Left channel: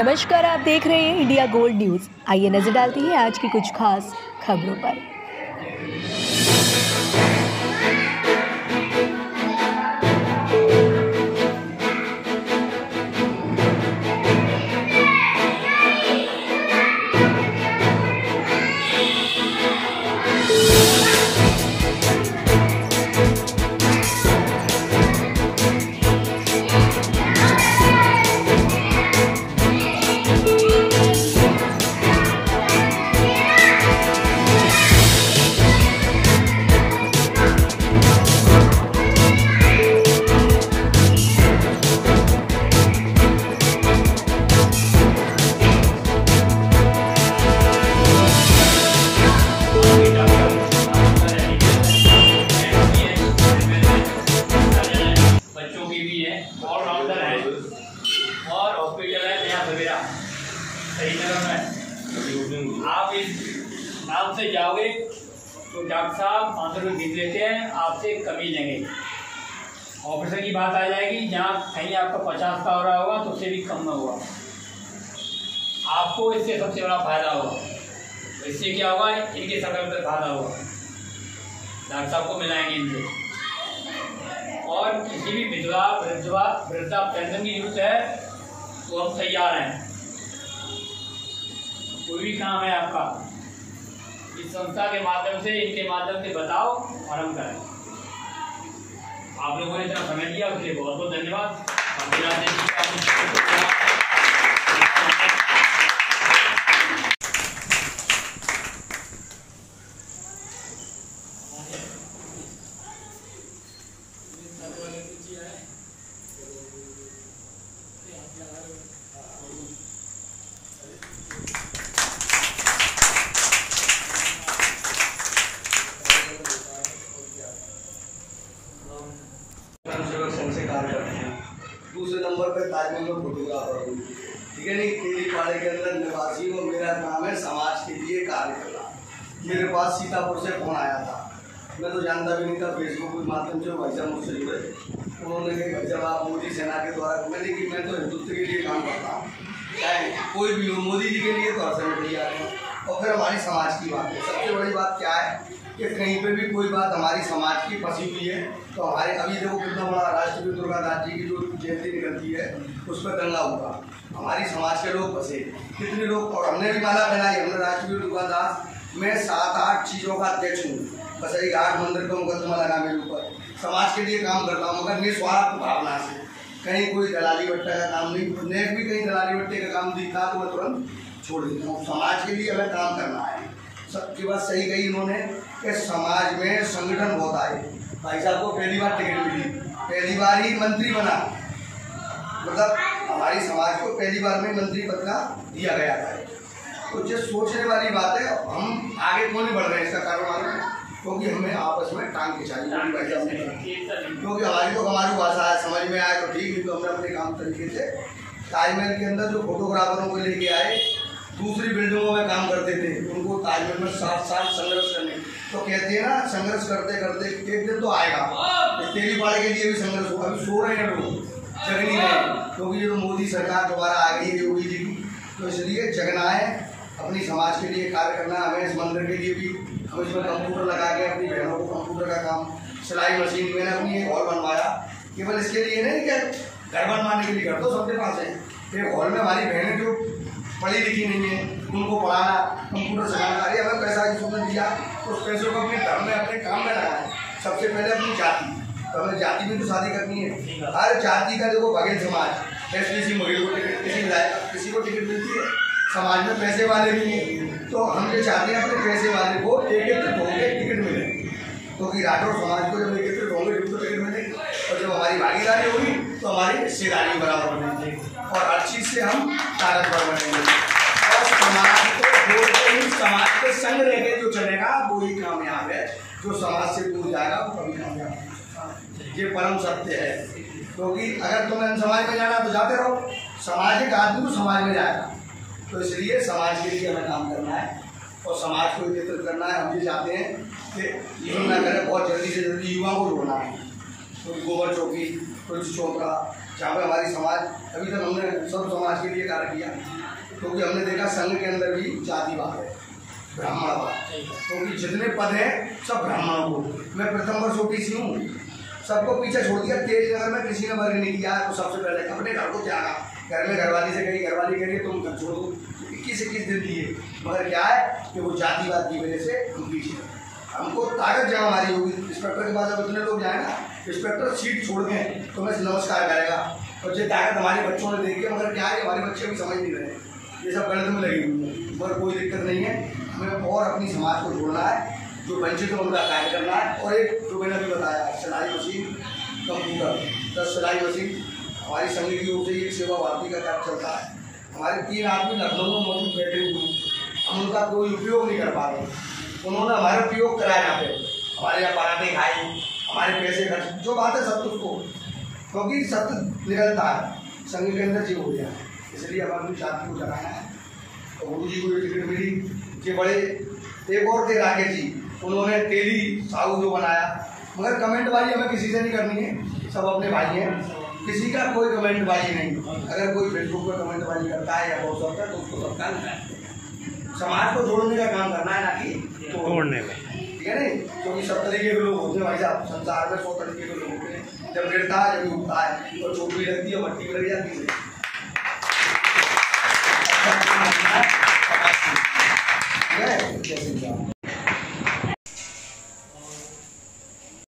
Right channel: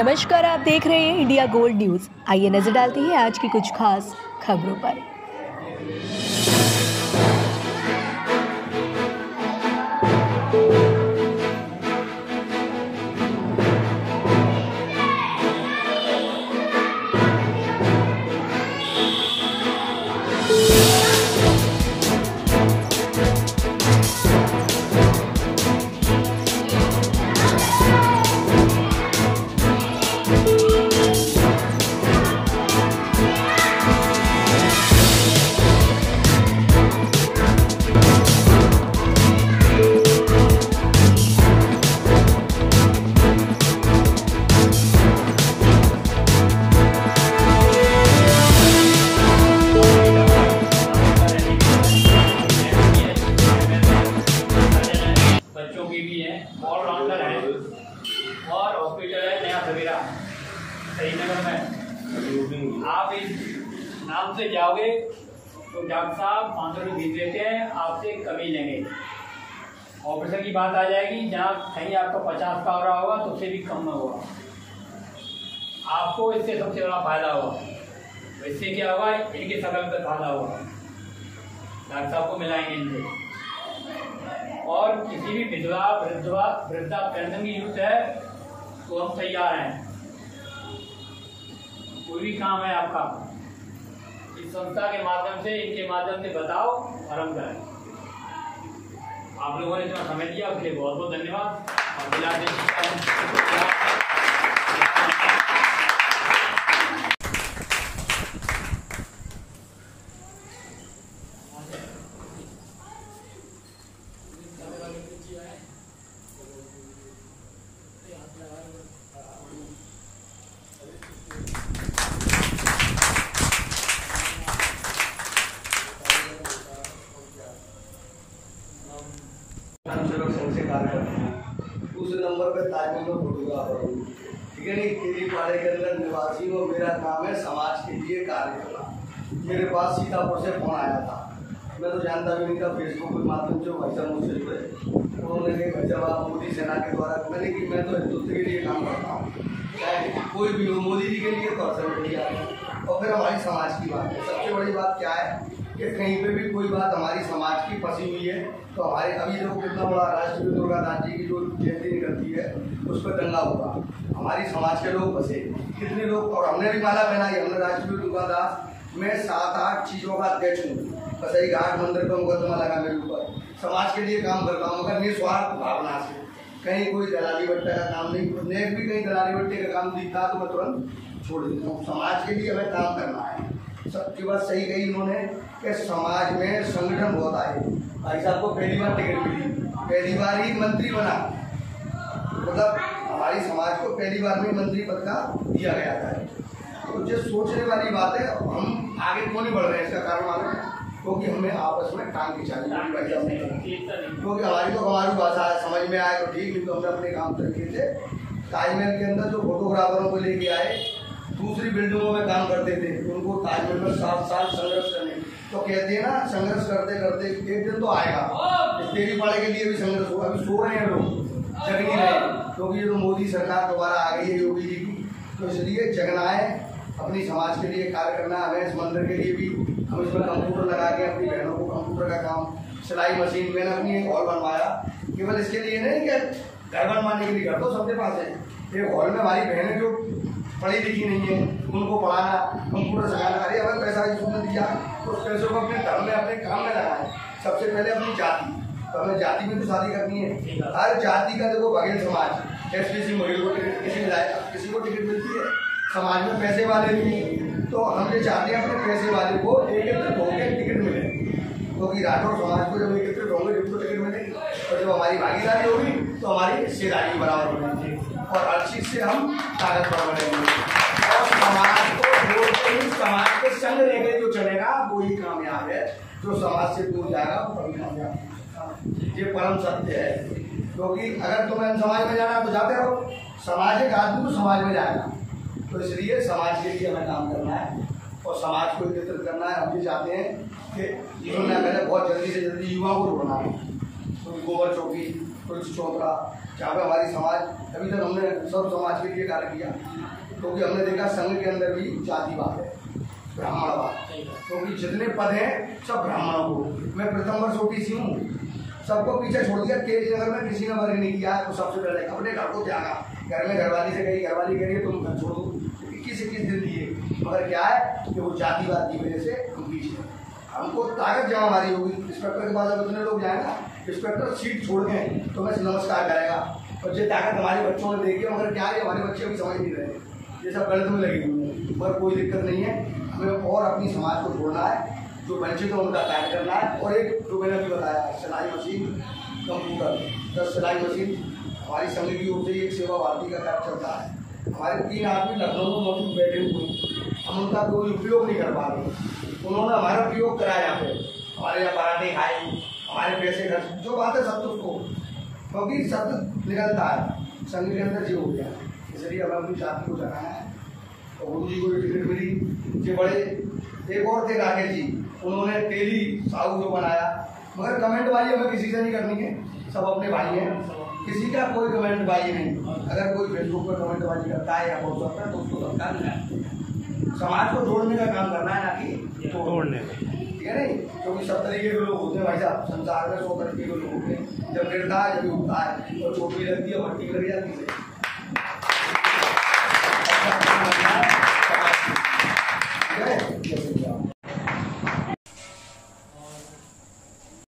नमस्कार, आप देख रहे हैं इंडिया गोल्ड न्यूज। आइए नजर डालते हैं आज की कुछ खास खबरों पर। ऑलराउंडर है और हॉस्पिटल है नया सवेरा सही नगर में। आप इस नाम से जाओगे तो डॉक्टर साहब 500 रुपये फीस लेते हैं, आपसे कमी लेंगे। ऑपरेशन की बात आ जाएगी, जहाँ कहीं आपका 50 का हो रहा होगा तो उससे भी कम में होगा। आपको इससे सबसे बड़ा फायदा होगा। तो इससे क्या होगा, इनके समय पर फायदा होगा, डॉक्टर साहब को मिलाएंगे इनसे। और किसी भी वृद्धा पेंशन की जरूरत है तो हम तैयार हैं। कोई भी काम है आपका, इस संस्था के माध्यम से, इनके माध्यम से बताओ और हम करें। आप लोगों ने इतना समय दिया उसके लिए बहुत बहुत धन्यवाद। संघ से कार्य करते हैं। दूसरे नंबर पर ताजमहल में फोटोग्राफर हूँ, ठीक है। नहीं, केलीपाड़े के अंदर निवासी और मेरा काम है समाज के लिए कार्य करना। मेरे पास सीतापुर से फोन आया था, मैं तो जानता भी नहीं था, फेसबुक के माध्यम से भाई साहब मुझसे जुड़े। उन्होंने कहा भाई साहब मोदी सेना के द्वारा, मैंने कि मैं तो हिंदुत्व के लिए काम करता हूँ, चाहे कोई भी हो, मोदी जी के लिए तो हर समय तैयार है। और फिर हमारी समाज की बात है। सबसे बड़ी बात क्या है कि कहीं पे भी कोई बात हमारी समाज की फंसी हुई है तो हमारे अभी देखो कितना बड़ा राष्ट्रपति दुर्गा दास जी की जो जयंती निकलती है उस पर दंगा हुआ, हमारी समाज के लोग फंसे कितने लोग। और हमने भी माला पहनाई, हमने राष्ट्रपति दुर्गा दास में 7-8 चीज़ों का अध्यक्ष हूँ। बस यही घाट मंदिर का मुकदमा लगा मेरे ऊपर, समाज के लिए काम करता हूँ मगर निस्वार्थ भावना से। कहीं कोई दलाली बट्टा का काम नहीं, नेक भी कहीं दलाली बट्टे का काम दिखता तो मैं तुरंत छोड़ देता हूँ। समाज के लिए हमें काम करना है। सबकी बात सही कही इन्होंने कि समाज में संगठन बहुत आए। भाई साहब को पहली बार टिकट मिली, पहली बार ही मंत्री बना, मतलब हमारी समाज को पहली बार में मंत्री पद का दिया गया था। तो जो सोचने वाली बात है, हम आगे क्यों नहीं बढ़ रहे हैं इसका कारण मालूम है, क्योंकि हमें आपस में टांग के चाहिए। क्योंकि हमारी तो हमारी भाषा है, समझ में आए तो ठीक, नहीं तो हमने अपने काम तरीके से। ताजमहल के अंदर जो फोटोग्राफरों को लेके आए, दूसरी बिल्डिंगों में काम करते थे, उनको ताजमहल में 7 साल संघर्ष करने, तो कहते हैं ना संघर्ष करते करते एक दिन तो आएगा। केलीपाड़े के लिए भी संघर्ष होगा। अभी सो रहे हैं लोग, जग नहीं रहे, क्योंकि ये तो मोदी सरकार दोबारा आ गई है योगी जी की, तो इसलिए जगना है, अपनी समाज के लिए कार्य करना है। हमें इस मंदिर के लिए भी हम इसमें कंप्यूटर लगा के अपनी बहनों को कंप्यूटर का काम, सिलाई मशीन, मैंने अपनी एक हॉल बनवाया, केवल इसके लिए नहीं कि घर बनवाने के लिए, घर तो सबके पास है। एक हॉल में हमारी बहनें जो पढ़ी लिखी नहीं है उनको पढ़ाना, कंप्यूटर सिखाना, अरे हमें पैसा इसमें दिया तो उस पैसों को अपने धर्म में, अपने काम में लगाएं। सबसे पहले अपनी जाति, तो हमें जाति में तो शादी करनी है। हर जाति का देखो बघेल समाज, एसटीसी महिला को टिकट, किसी को टिकट मिलती है, समाज में पैसे वाले भी हैं। तो हम ये चाहते हैं अपने पैसे वाले को एकत्रित होकर टिकट मिले, क्योंकि राठौर समाज को जब एकत्रित होंगे जब तो टिकट मिलेगी, और जब हमारी भागीदारी होगी तो हमारी हिस्सेदारी बराबर बनेगी और हर चीज़ से हम ताकतवर बनेंगे। और समाज को बोलते ही समाज के संग रह के जो चलेगा वो ही कामयाब है, जो समाज से दूर जाएगा वो कभी कामयाब नहीं। ये परम सत्य है, क्योंकि अगर तुम्हें समाज में जाना तो जाते रहो, समाज एक आदमी तो समाज में जाएगा। तो इसलिए समाज के लिए हमें काम करना है और समाज को एकत्रित करना है। हम ये चाहते हैं कि यूँ ना करें, बहुत जल्दी से जल्दी युवा को जोड़ना है। कोई गोबर चौकी, कोई चौतरा, जहाँ पे हमारी समाज अभी तक हमने सब समाज के लिए कार्य किया, क्योंकि हमने देखा संघ के अंदर भी जातिवाद है, ब्राह्मणवाद, क्योंकि जितने पद हैं सब ब्राह्मणों को। मैं प्रथम वर्ष ओबीसी हूँ, सबको पीछे छोड़ दिया। तेज नगर में किसी ने वर्ग नहीं किया, तो सबसे पहले अपने घर को त्यागा। घर में घरवाली से कही, घरवाली कह रही है तुम घर छोड़ दो, 21 दिन दिए, मगर क्या है कि वो जातिवाद की वजह से हम पीछे। हमको ताकत जहाँ हमारी होगी, इंस्पेक्टर के पास जब इतने लोग जाएंगे, इंस्पेक्टर सीट छोड़ के तो मैं नमस्कार करेगा, और जो ताकत हमारे बच्चों ने देखी है, मगर क्या है हमारे बच्चे अभी समझ नहीं रहे, ये सब गलत में लगी हुई है। मगर कोई दिक्कत नहीं है, हमें और अपनी समाज को जोड़ना है, जो वंचित है उनका कार्य करना है। और एक जो मैंने अभी बताया, सिलाई मशीन, कंप्यूटर, 10 सिलाई मशीन हमारी संघ की ओर से एक सेवा भारती का कार्य चलता है। हमारे 3 आदमी लखनऊ में मौजूद बैठे हुए, हम उनका कोई उपयोग नहीं कर पा रहे, उन्होंने हमारा उपयोग कराया। यहाँ पे हमारे यहाँ पराठे खाए, हमारे पैसे खर्च, जो बात है सत्य को, क्योंकि सत्य निकलता है संघ के अंदर जीव हो गया, इसलिए हमें अपनी जाति को जगाना है। तो गुरु जी को टिकट मिली कि बड़े एक और थे राकेश जी, उन्होंने तेली साहू जो बनाया, मगर कमेंटबाजी हमें किसी से नहीं करनी है, सब अपने भाई हैं, किसी का कोई कमेंटबाजी नहीं। अगर कोई फेसबुक पर कमेंटबाजी करता है या बहुत होता है तो उसको सरकार नहीं, समाज को जोड़ने का काम करना है, ना कि तोड़ने में, ठीक है नहीं। क्योंकि सब तरीके के लोग होते हैं भाई साहब, संसार में 100 तरीके के लोग होते हैं, जब गिरता है जब उठता है, और चोट भी लगती है, भट्टी भी लग जाती है।